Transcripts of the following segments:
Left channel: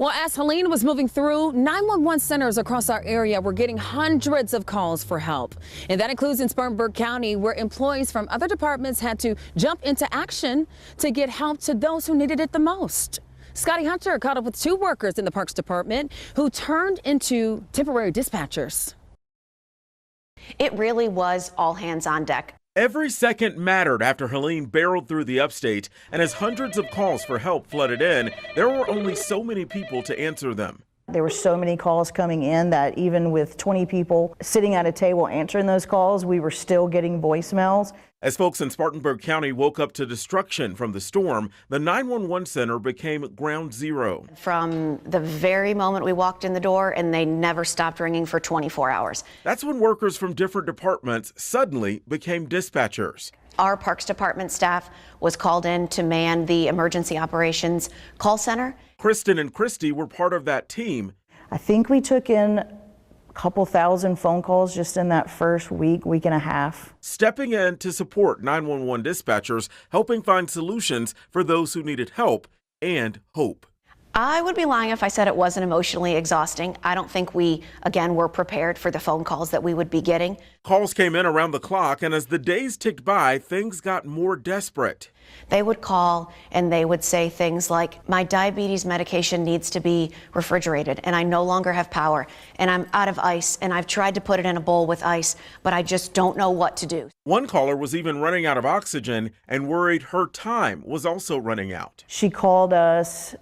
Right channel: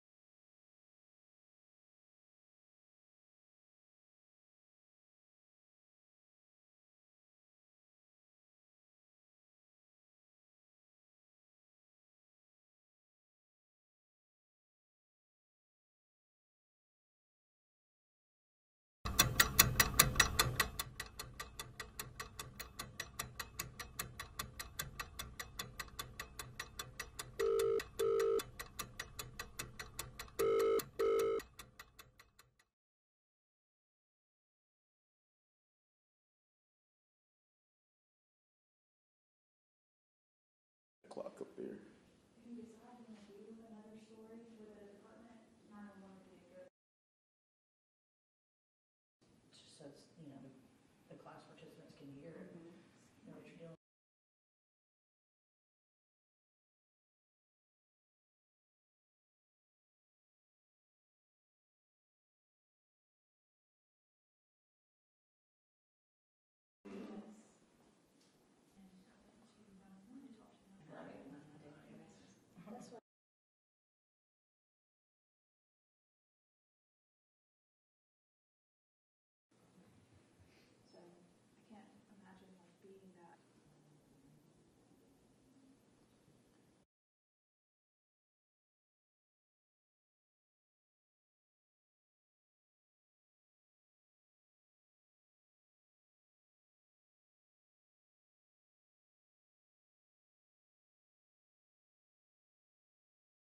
Well, as Helene was moving through, 911 centers across our area were getting hundreds of calls for help. And that includes in Spartanburg County, where employees from other departments had to jump into action to get help to those who needed it the most. Scotty Hunter caught up with two workers in the Parks Department who turned into temporary dispatchers. It really was all hands on deck. Every second mattered after Helene barreled through the upstate, and as hundreds of calls for help flooded in, there were only so many people to answer them. There were so many calls coming in that even with 20 people sitting at a table answering those calls, we were still getting voicemails. As folks in Spartanburg County woke up to destruction from the storm, the 911 center became ground zero. From the very moment we walked in the door, and they never stopped ringing for 24 hours. That's when workers from different departments suddenly became dispatchers. Our Parks Department staff was called in to man the emergency operations call center. Kristen and Christy were part of that team. I think we took in a couple thousand phone calls just in that first week and a half. Stepping in to support 911 dispatchers, helping find solutions for those who needed help and hope. I would be lying if I said it wasn't emotionally exhausting. I don't think we, again, were prepared for the phone calls that we would be getting. Calls came in around the clock, and as the days ticked by, things got more desperate. They would call and they would say things like, my diabetes medication needs to be refrigerated and I no longer have power and I'm out of ice and I've tried to put it in a bowl with ice, but I just don't know what to do. One caller was even running out of oxygen and worried her time was also running out. She called us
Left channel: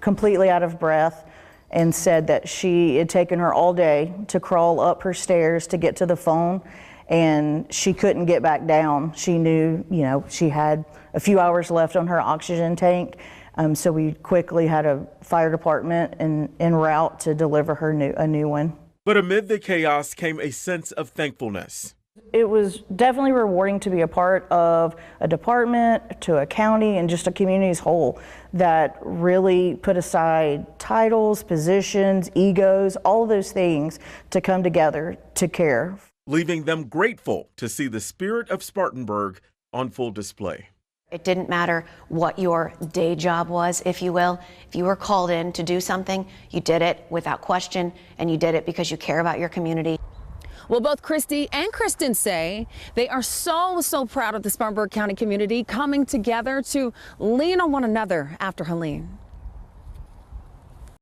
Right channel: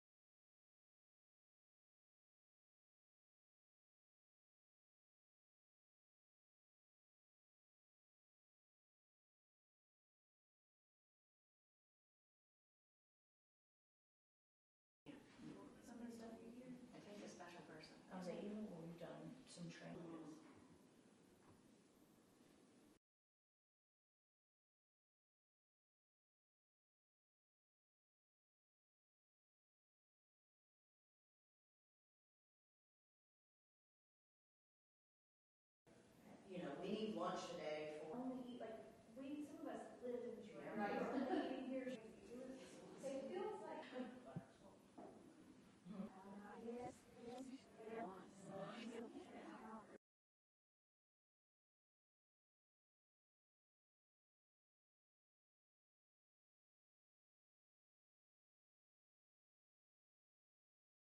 completely out of breath and said that she had taken her all day to crawl up her stairs to get to the phone, and she couldn't get back down. She knew, she had a few hours left on her oxygen tank, so we quickly had a fire department en route to deliver her a new one. But amid the chaos came a sense of thankfulness. It was definitely rewarding to be a part of a department, to a county, and just a community as whole that really put aside titles, positions, egos, all of those things to come together to care. Leaving them grateful to see the spirit of Spartanburg on full display. It didn't matter what your day job was, if you will. If you were called in to do something, you did it without question, and you did it because you care about your community. Well, both Christy and Kristen say they are so proud of the Spartanburg County community coming together to lean on one another after Helene.